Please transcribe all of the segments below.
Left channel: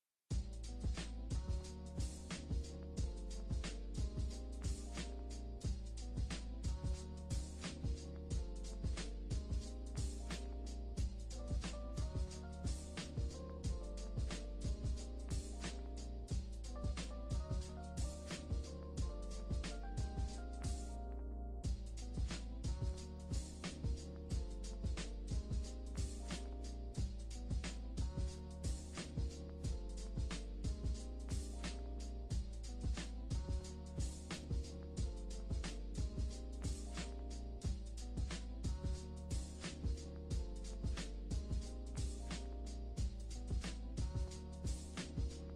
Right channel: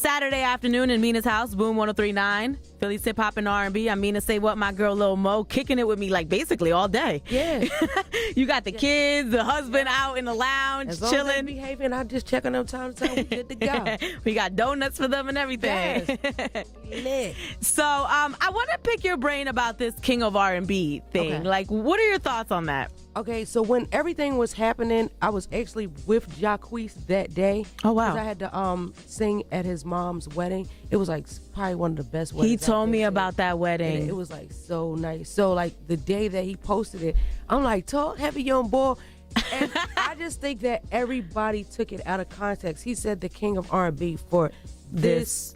Saturday afternoon in Mina's house, Boom 103.9, Philly's hip hop and R&B. I'm Mina SayWhat, my girl Lil Mo, kicking it with me like basically all day. Yeah. You got the kids, the husband out in the lounge, as long chilling. As they behaving, I'm just checking them time to time. We good to go. We got donuts for them and everything. Yes. So I want to pick your brain about this King of R&B thing. Okay. Like, what are your thoughts on that? Okay, so when everything was happening, I was actually with Jacquees that day. Oh, wow. 'Cause I had to sing at his mom's wedding. It was like probably one of the best weddings. He told me about that wedding. And it was like so nice. So like the day that he posted it, I'm like, talk heavy young boy. And I just think that everybody took it out of context. He said the King of R&B for this,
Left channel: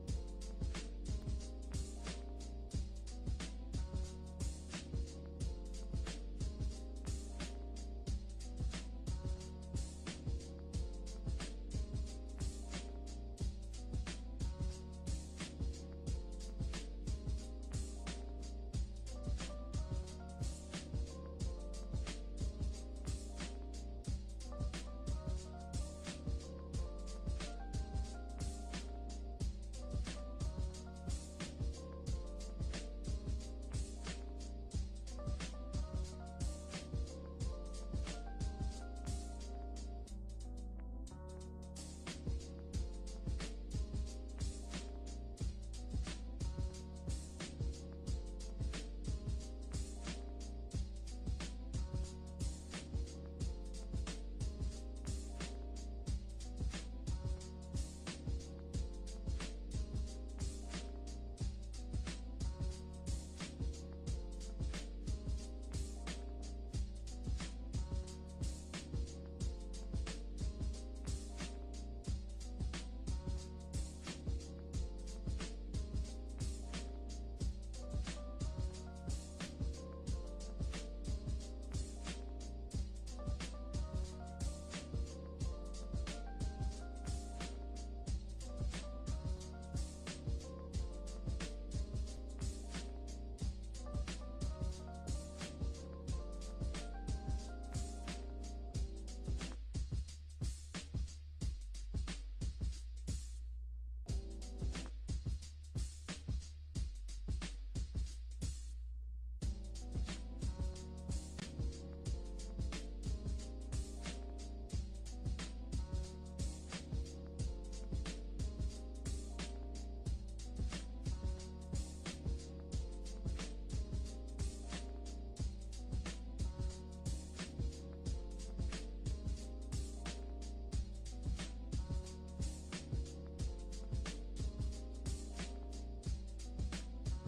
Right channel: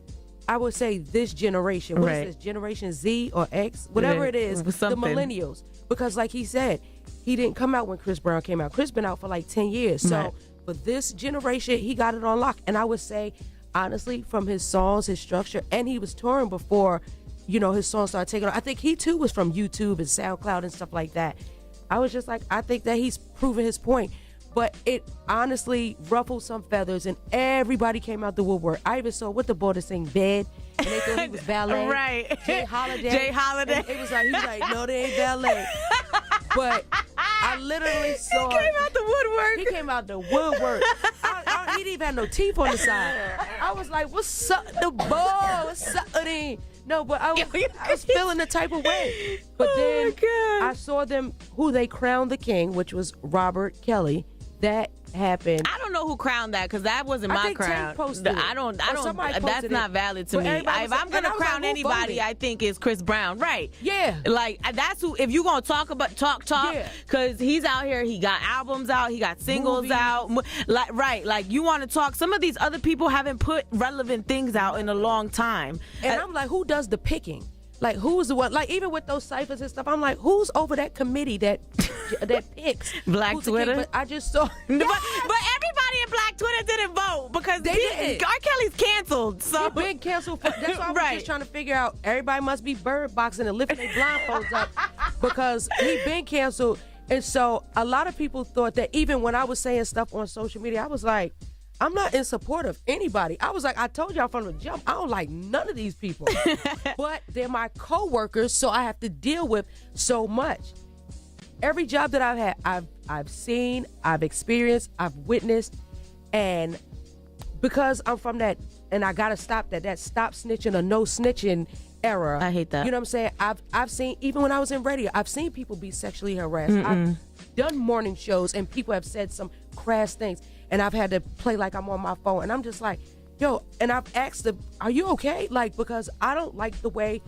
I would say this generation. What is this, Generation Z or X? Whatever it is, the millennials. Because like he said, he didn't come out when Chris Brown came out. Chris been out for like 10 years. So for this generation, he got it on lock. And I would say, honestly, from his songs, his structure, and he was touring before, you know, his songs started taking off. I think he too was from YouTube and SoundCloud and stuff like that. I was just like, I think that he's proven his point. But it honestly ruffled some feathers and everybody came out the woodwork. I even saw what the boy to sing Bed and they thought he was ballet. Right. Jay Holiday. Jay Holiday. And he was like, no, they ain't ballet. But I literally saw. He came out the woodwork. He came out the woodwork. He didn't even have no teeth on the side. I was like, what's up, the boy? What's up, No, but I was feeling the type of way. But then I saw them, who they crowned the king, which was Robert Kelly. That happened. I don't know who crowned that because that wasn't my crown. I don't. That's not valid to me. If I'm gonna crown anybody, I think it's Chris Brown. Right. Yeah. Like that's who. If you gonna talk, because he's out here. He got albums out. He got singles out. Like you want to talk. Some of these other people haven't put relevant things out in a long time. And I'm like, who does the picking? Like, who's the one? Like, even with those ciphers and stuff, I'm like, who's over that committee that picks? Black Twitter? But I just saw. But everybody in Black Twitter didn't vote because they didn't. R. Kelly's canceled. So he's been canceled. That's why I was just trying to figure out. Everybody must be bird boxing and lifting their blindfolds up because he been canceled. And so a lot of people thought that even when I was saying stuff on social media, I was like, I'm not in support of anybody. I was like, I told y'all from the jump, I don't like none of these people. But they're my co-workers, so I have to deal with so much. Every job that I've had, I've seen, I've experienced, I've witnessed, and because I'm from that, and I gotta stop that stop snitching or no snitching era. I hate that. You know what I'm saying? I've seen, even when I was in radio, I've seen people be sexually harassed. I've done morning shows and people have said some crass things. And I've had to play like I'm on my phone. And I'm just like, yo, and I've asked them, are you okay? Like, because I don't like the way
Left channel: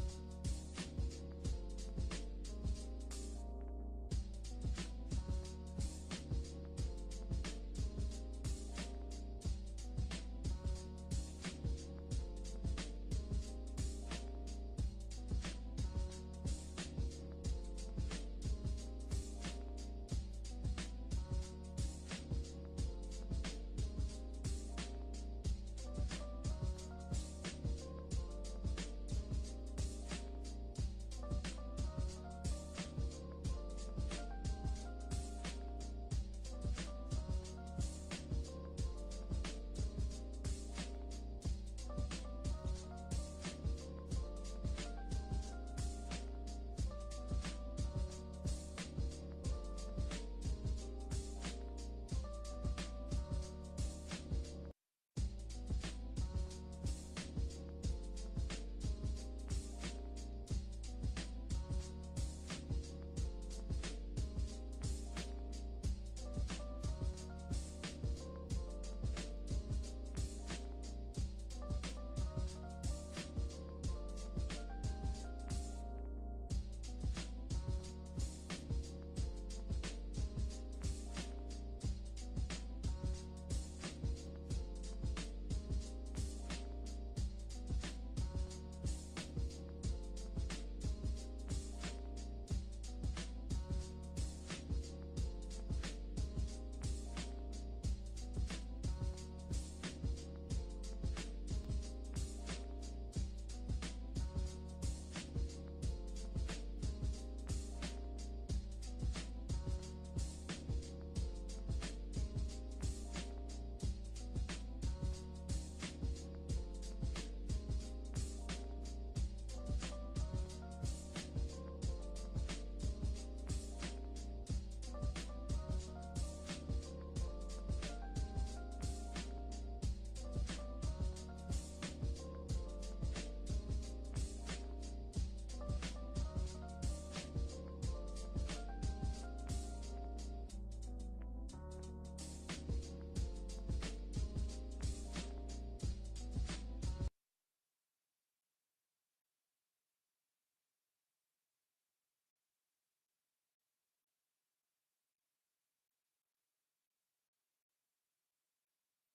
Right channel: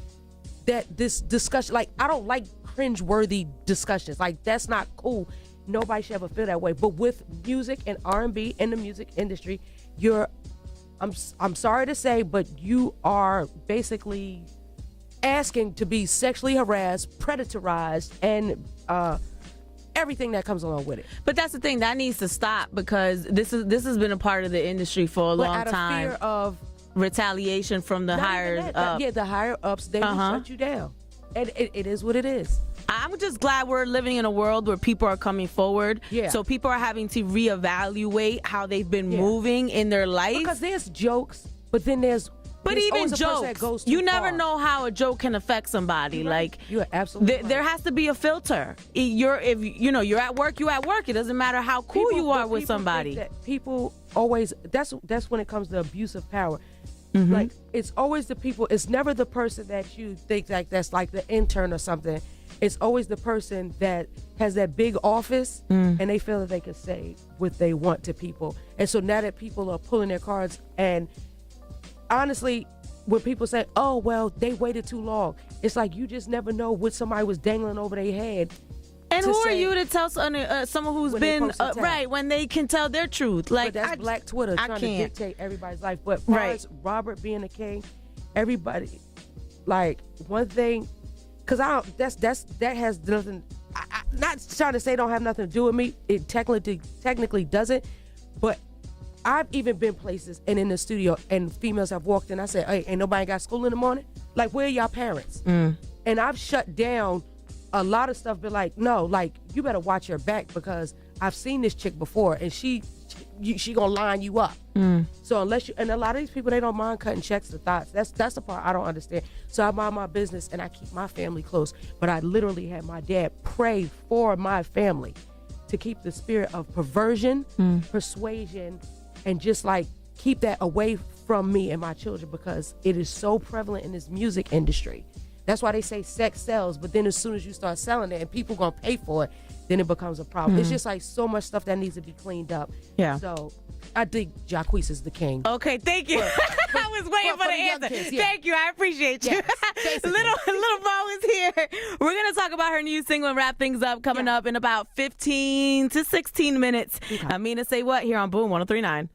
that this discussion, like, I don't like cringe-worthy discussions. Like, that's not cool. Nobody should ever feel that way. But with music and R&B in the music industry, I'm sorry to say, but you are basically asking to be sexually harassed, predatorized, and everything that comes along with it. But that's the thing that needs to stop because this has been a part of the industry for a long time. Fear of retaliation from the higher up. Yeah, the higher ups, they will shut you down. And it is what it is. I'm just glad we're living in a world where people are coming forward. Yeah. So people are having to reevaluate how they've been moving in their life. Because there's jokes, but then there's even jokes, you never know how a joke can affect somebody. Right. Like you're absolutely there has to be a filter. You're at work. You're at work. It doesn't matter how cool you are with somebody. People always. That's when it comes to abuse of power. Like it's always the people. It's never the person that you think like that's like the intern or something. It's always the person that has that big office and they feel that they can say what they want to people. And so now that people are pulling their cards, and honestly, when people say, oh, well, they waited too long, it's like you just never know what somebody was dangling over their head. And who are you to tell someone who's been right when they can tell their truth? Like but that's Black Twitter trying to dictate everybody's life. But as far as Robert being the king, everybody, like one thing, because that has nothing. I'm not trying to say it don't have nothing to do with me. It technically doesn't. But I've even been places and in the studio and females have walked in. I said, hey, ain't nobody got school in the morning? Like, where are y'all parents? And I've shut down a lot of stuff, but like, no, like, you better watch your back because I've seen this chick before and she she gonna line you up. So unless you, and a lot of these people, they don't mind cutting checks to thoughts. That's the part I don't understand. So I mind my business and I keep my family close. But I literally had my dad pray for my family to keep the spirit of perversion, persuasion, and just like keep that away from me and my children, because it is so prevalent in this music industry. That's why they say sex sells, but then as soon as you start selling it and people gonna pay for it, then it becomes a problem. It's just like so much stuff that needs to be cleaned up. Yeah. So I think Jacquees is the king. Okay, thank you. I was waiting for the answer. Kids, yeah. Thank you. I appreciate you. Yes, little Mo is here. We're going to talk about her new single and wrap things up coming up in about 15 to 16 minutes. Mina Say What here on Boom 103.9.